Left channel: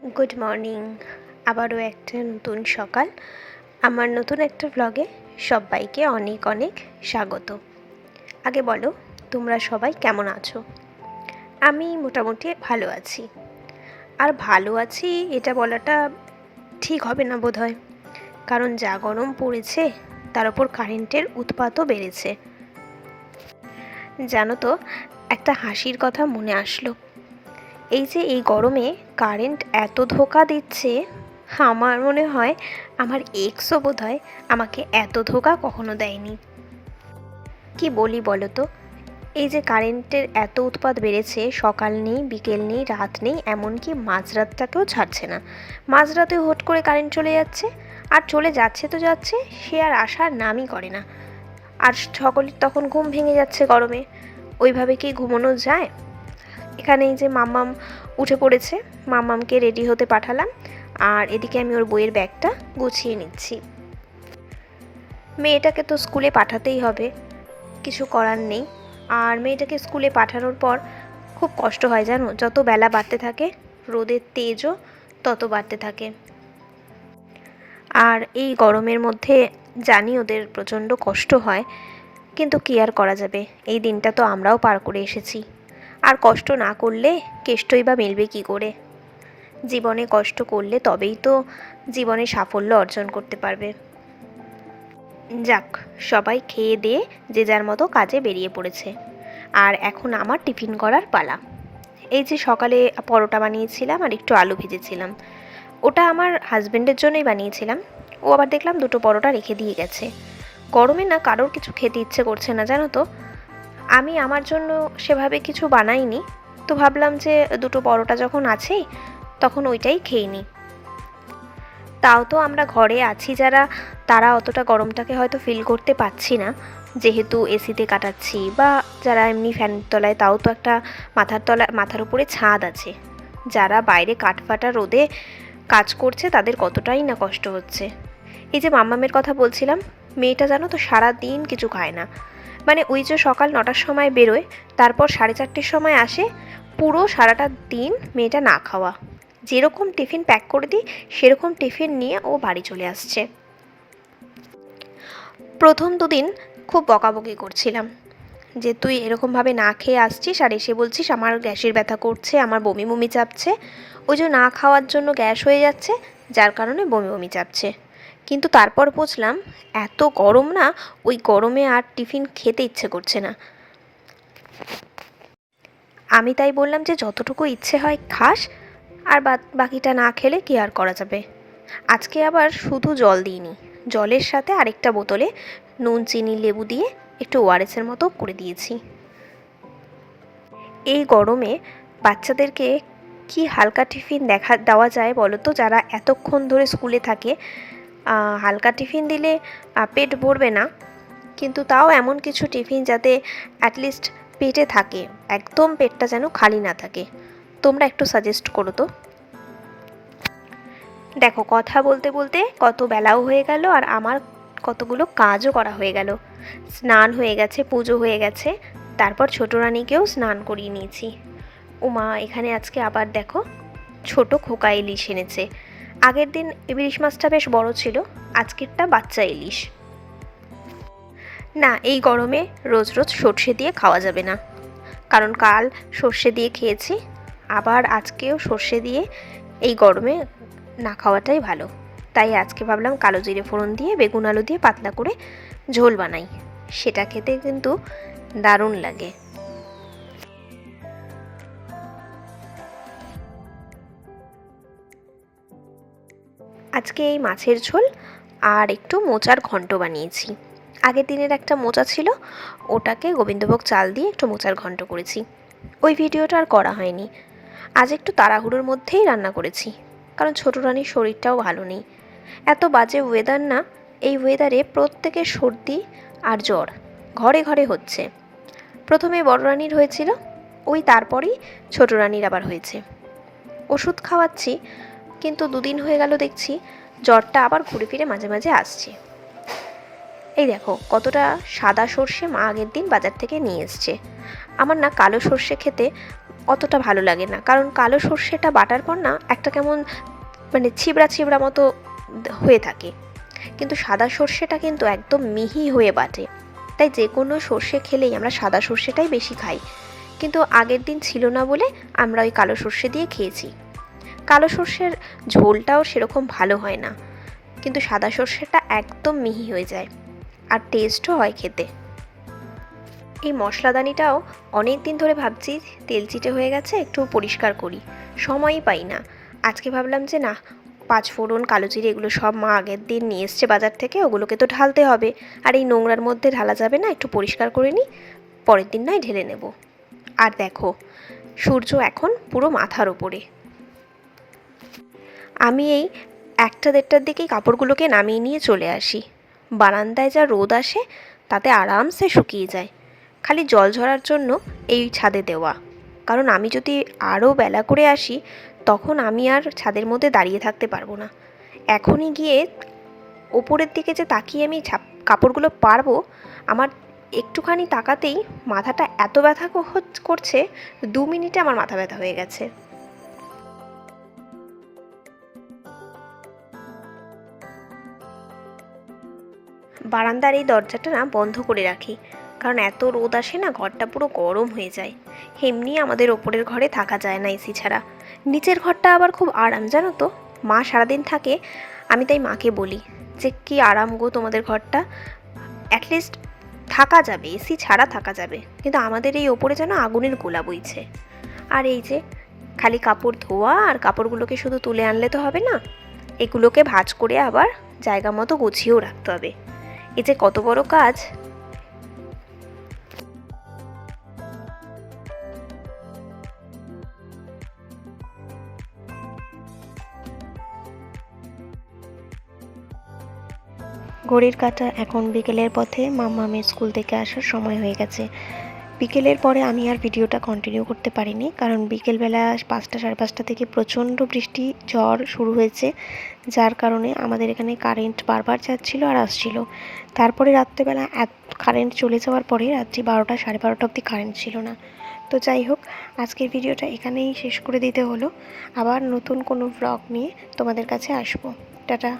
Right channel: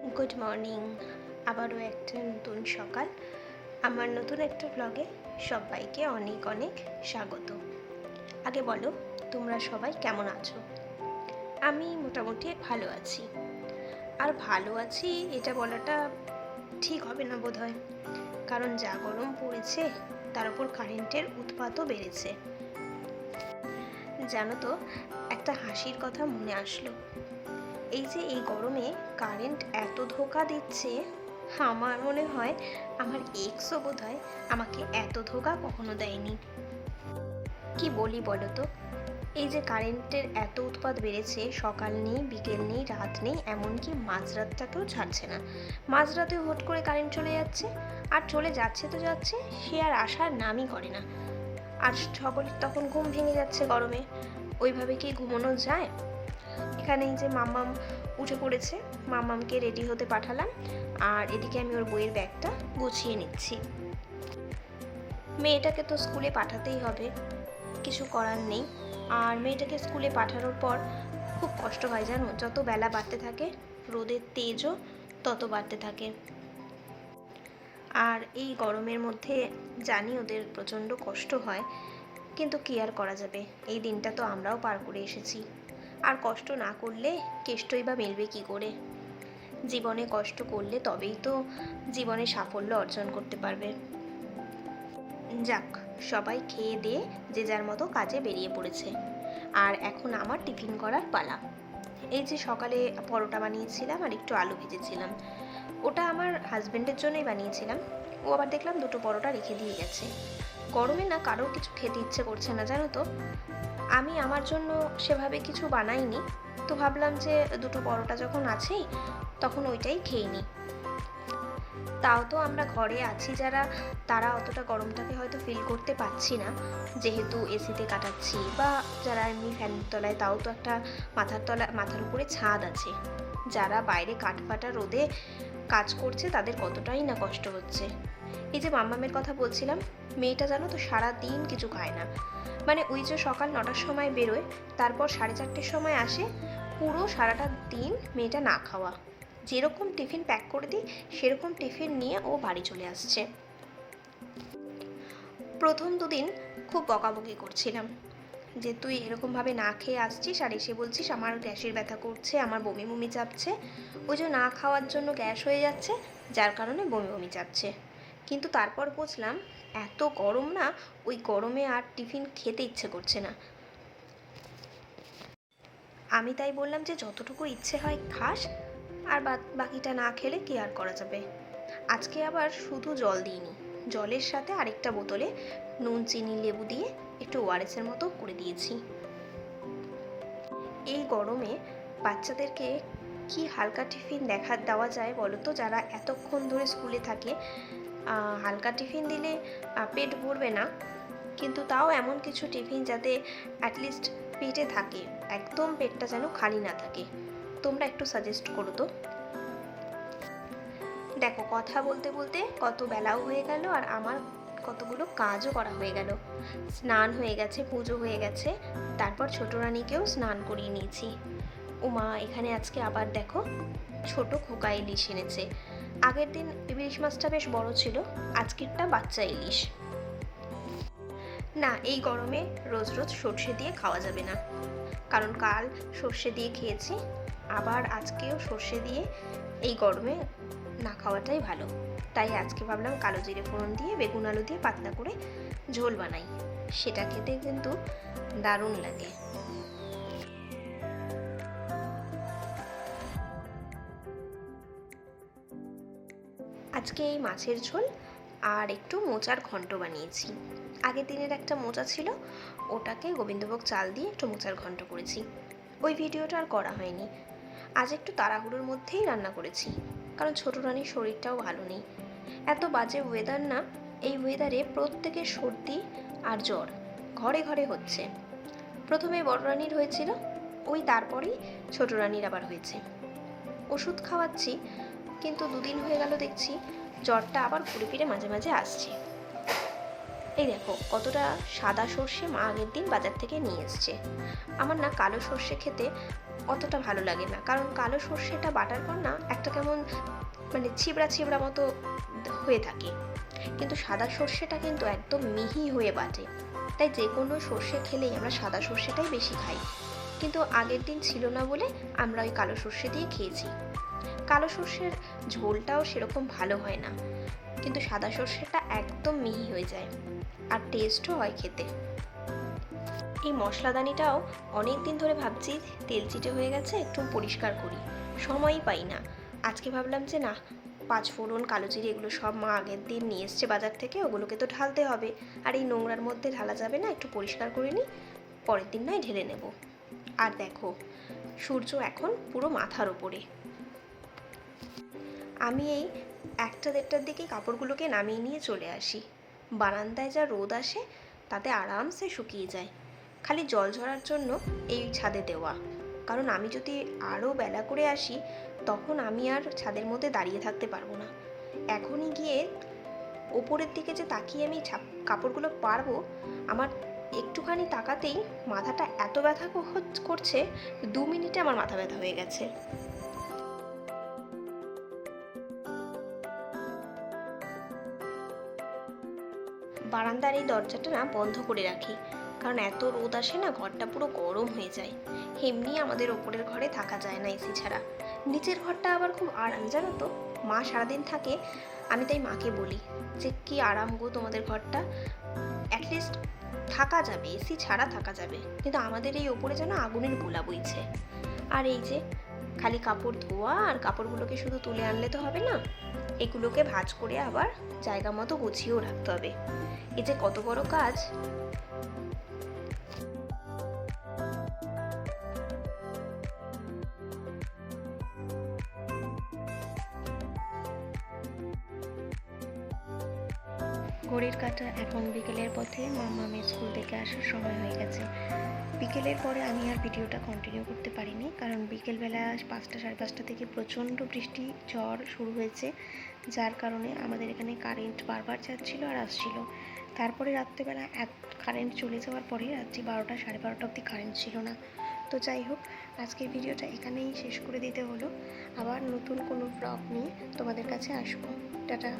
Good morning. আবারও একটা নতুন সকাল। আমার নতুন একটা ব্লগে সবাইকে অনেক অনেক স্বাগত। আগে বলো, তোমরা সবাই কেমন আছো? আমি মোটামুটি ভালো আছি। আর ভালো আছি এটা বলাটা ঠিক হবে না বোধহয়, কারণ যা গরম পড়েছে তার ওপর কারেন্টের উৎপাতও বেড়েছে। জানো তো, একটা হাসির কথা মনে আসলো। এই গরমে কারেন্ট এত ধোঁকা দিচ্ছে, আমার মনে হয় আমার এক্সও বোধহয় আমাকে এত ধোঁকা কখনো দেয়নি। কি বলি বলো তো, এই যে কারেন্টের এত উৎপাত বেড়েছে, সকাল নেই, বিকেল নেই, রাত নেই, এমনকি মাঝরাতটাকেও ছাড়ছে না। মাঝরাতে হুট করে কারেন্ট চলে যাচ্ছে, আর চলে যাচ্ছে তো যাচ্ছে, সে আর আসার নামই করে না। আর সকলের তখন ঘুম ভেঙে যাচ্ছে গরমে। ওইভাবে কি ঘুমানো যায়? এখানে এই যে মাম্মাম উঠে পড়েছে, মাম্মামকে রেডি হতে পাঠালাম, আর এদিকে আমি ওর বইয়ের ব্যাগটা গুছিয়ে নিচ্ছি। মেয়েটাকে তো স্কুলে পাঠাতেই হবে, কিছু করার নেই। আর মেয়েটাকে স্কুলে পাঠানোর পর খুব কষ্ট হয় জানো, যত বেলা বাড়তে থাকে রোদের তেজও তত বাড়তে থাকে। আর এই গরমের মধ্যে জানি ওদের প্রচণ্ড কষ্ট হয়, কিন্তু কী আর করা যাবে, এই দিনটা তো আমরাও পার করে এসেছি। আর কষ্ট না করলে কেষ্টই বা মিলবে কী করে? জীবনে কষ্ট করলে তবেই তো জীবনে সাফল্য অর্জন করতে পারবে। যাক, সবাই খেয়ে দিয়ে যে যার মতো কাজে বেরিয়ে পড়েছে, আর এখন আমার টিফিন করার পালা। এই যে সকালে পরোটা বানিয়েছিলাম আর একটু আলু ভেজেছিলাম, ওটা আমার হাজব্যান্ডের জন্যই বানিয়েছিলাম। ও আবার দেখলাম দুটো পরোটা রেখে দিয়ে গেছে। গরমে না কারোর কিছু খেতে ইচ্ছে করছে না জানো তো। আমি আমার জন্য সেভাবে কিছু বানাইনি, তো ভাবলাম যে দুটো পরোটা যখন আছেই তখন ওইটাই খেয়ে নিই। তাও তো আমরা ঘরে আছি যারা, তারা অতটা গরমটাকে হয়তো ফিল করতে পারছি না, যেহেতু এসিতে কাটাচ্ছি, বা যারা এমনি ফ্যানের তলায়, তাও তো একটা মাথার উপরে ছাদ আছে। যারা বাইরে কাঠফাটা রোদে কাজ করছে তাদের কতটাই না কষ্ট হচ্ছে। এই যে মাম্মামের কথা বলছিলাম, মেয়েটা জানো তো সারা দিন কিছু খায় না। মানে ওই যে সকাল 9টার সময় বেরোয়, তারপর 4:30-র সময় আসে, পুরো সারাটা দিন মেয়েটা না খাওয়া। যেরকম টিফিন প্যাক করে দিই সেরকম টিফিন নিয়ে ও বাড়ি চলে আসছে। প্রথম দুদিন খুব বকাবকি করছিলাম যে তুই এরকমভাবে না খেয়ে আসছিস আর এসে বলছিস আমার গ্যাসের ব্যথা করছে, আমার বমি বমি চাপছে। ওই যে না খাওয়ার জন্য গ্যাস হয়ে যাচ্ছে, যার কারণে বমি বমি চাপছে। কিন্তু তারপর বুঝলাম এত গরম না, ওই গরমে আর টিফিন খেতে ইচ্ছে করছে না। আমি তাই বললাম যে যতটুকু ইচ্ছে হয় খাস, আর বাকিটা না খেলে কি আর করা যাবে। আজকে আবার শুধু জল দিইনি, জলের সাথে আরেকটা বোতলে নুন চিনি লেবু দিয়ে একটু ওআরএসের মতো করে দিয়েছি। এই গরমে বাচ্চাদেরকে কি হালকা টিফিন দেওয়া যায় বলো তো, যারা এতক্ষণ ধরে স্কুলে থাকে। হালকা টিফিন দিলে পেট ভরবে না, কিন্তু তাও এমন কিছু টিফিন যাতে অ্যাটলিস্ট পেটে থাকে, একদম পেটটা যেন খালি না থাকে। তোমরা একটু সাজেস্ট করো তো। দেখো, কথা বলতে বলতে কত বেলাও হয়ে গেল, আর আমার কতগুলো কাজও করা হয়ে গেল। স্নান হয়ে গেছে, পুজো হয়ে গেছে, তারপর ছোটো রানীকেও স্নান করিয়ে নিয়েছি। উমা, এখানে আজকে আবার দেখো ছোট খোকা ইলিশ এনেছে। আগের দিন ইলিশ মাছটা বেশ বড় ছিল, আজকেরটা বাচ্চা ইলিশ। না, এই গরমে রোজ রোজ সর্ষে দিয়ে খাওয়া যাবে না, কারণ কাল সর্ষে দিয়ে খেয়েছি, আবার আজকেও সর্ষে দিয়ে এই গরমে না খাওয়াটাই ভালো। তাই আজকে ভাবলাম কালো জিরে ফোড়ন দিয়ে বেগুন আলু দিয়ে পাতলা করে ঝোল বানাই, সেটা খেতে কিন্তু দারুণ লাগে। আজকে এই মাছের ঝোল আর একটু মোচার ঘন্ট বানিয়েছি। আগের দিনের একটা মোচা ছিল, ওটাকে গোবিন্দভোগ চাল দিয়ে একটু মোচার ঘন্ট করেছি। ওই ভিডিওটা আর করা হয়নি। আজ একটু তাড়াহুড়োর মধ্যেই রান্না করেছি, কারণ ছোটো রানীর শরীরটাও ভালো নেই। এত বাজে ওয়েদার না, এই ওয়েদারে প্রত্যেকের সর্দি আর জ্বর ঘরে ঘরে হচ্ছে। প্রথমে বড় রানীর হয়েছিল, ওই তারপরেই ছোটো রানীর আবার হয়েছে। ওষুধ খাওয়াচ্ছি, কিন্তু 2 দিন হয়ে গেল দেখছি জ্বরটা আবার ঘুরে ফিরে মাঝে মাঝে আসছে। এই দেখো কতটা সাদা সর্ষে মা আগের দিন বাজার থেকে নিয়ে এসছে। আমার না কালো সর্ষে খেতে অতটা ভালো লাগে না, কারণ কালো সর্ষেটা বাটার পর না একটা কেমন মানে ছিবড়া ছিবড়া মতো হয়ে থাকে, কিন্তু সাদা সর্ষেটা কিন্তু একদম মিহি হয়ে বাটে। তাই যে কোনো সর্ষে খেলেই আমরা সাদা সর্ষেটাই বেশি খাই, কিন্তু আগের দিন ছিল না বলে আমরা ওই কালো সর্ষে দিয়ে খেয়েছি। কালো সর্ষের ঝোলটাও সেরকম ভালো হয় না, কিন্তু সাদা সর্ষেটা একদম মিহি হয়ে যায় আর টেস্টও হয় খেতে। এই মশলাদানিটাও অনেক দিন ধরে ভাবছি তেল চিটে হয়ে গেছে, একটু পরিষ্কার করি, সময়ই পাই না। আজকে ভাবলাম যে না, পাঁচফোড়ন, কালো জিরে এগুলো সব মা আগের দিন নিয়ে এসছে বাজার থেকে, ওগুলোকে তো ঢালতে হবে, আর এই নোংরার মধ্যে ঢালা যাবে না, একটু পরিষ্কার করে নিই, পরের দিন নয় ঢেলে নেব। আর দেখো সূর্য এখন পুরো মাথার ওপরে। আমি এই 1টা-1.5টার দিকেই কাপড়গুলোকে নামিয়ে নিয়ে চলে আসি। বারান্দায় যা রোদ আসে তাতে আরামসে শুকিয়ে যায়, খালি জল ঝরার জন্য এই ছাদে দেওয়া। কারণ আমি যদি আরও বেলা করে আসি তখন আমি আর ছাদের মধ্যে দাঁড়িয়ে থাকতে পারবো না। এখনই গিয়ে ওপরের দিকে যে তাকিয়ে আমি কাপড়গুলো পারবো, আমার একটুখানি তাকাতেই মাথাটা এত ব্যথা করছে, 2 মিনিটে আমার মাথা ব্যথা হয়ে গেছে। বারান্দার এই দরজাটা না বন্ধ করে রাখি, কারণ এত রোদ আসে না, ঘরটা পুরো গরম হয়ে যায়। এমনি আমাদের ওপরের ঘরে থাকা যায় না এসি ছাড়া। নিচের ঘরটা আবার খুব আরাম, জানো তো, মা সারাদিন থাকে। আমি তাই মাকে বলি যে কি আরাম গো তোমাদের ঘরটা, অ্যাটলিস্ট থাকা যাবে, এসি ছাড়া থাকা যাবে, কিন্তু আমাদের এই ওপরে যেন আগুনের গোলা বইছে। আর এই যে খালি কাপড় ধোয়া আর কাপড়গুলোকে শুধু তুলে আনলে তো হবে না, এগুলোকে ভাঁজ করে আবার জায়গা মতো গুছিয়েও রাখতে হবে। এই যে কত বড় কাজ। ঘড়ির কাঁটা এখন বিকেলের পথে, মাম্মামের স্কুল থেকে আসার সময় হয়ে গেছে। বিকেলের পরে আমি আর ভিডিওটা কন্টিনিউ করতে পারিনি, কারণ বিকেলবেলা 5টা, সাড়ে 5টা থেকে প্রচণ্ড বৃষ্টি ঝড় শুরু হয়েছে, যার কারণে আমাদের এখানে কারেন্ট বারবার যাচ্ছিলো আর আসছিলো। তারপরে রাত্রেবেলা কারেন্ট চলে যাওয়ার পরে রাত্রি 12টা, সাড়ে 12টা অবধি কারেন্ট ছিল না। তো যাই হোক, আজকের ভিডিওটা এখানেই শেষ করে দিতে হলো। আবার নতুন কোনো ব্লগ নিয়ে তোমাদের কাছে আসবো। টাটা।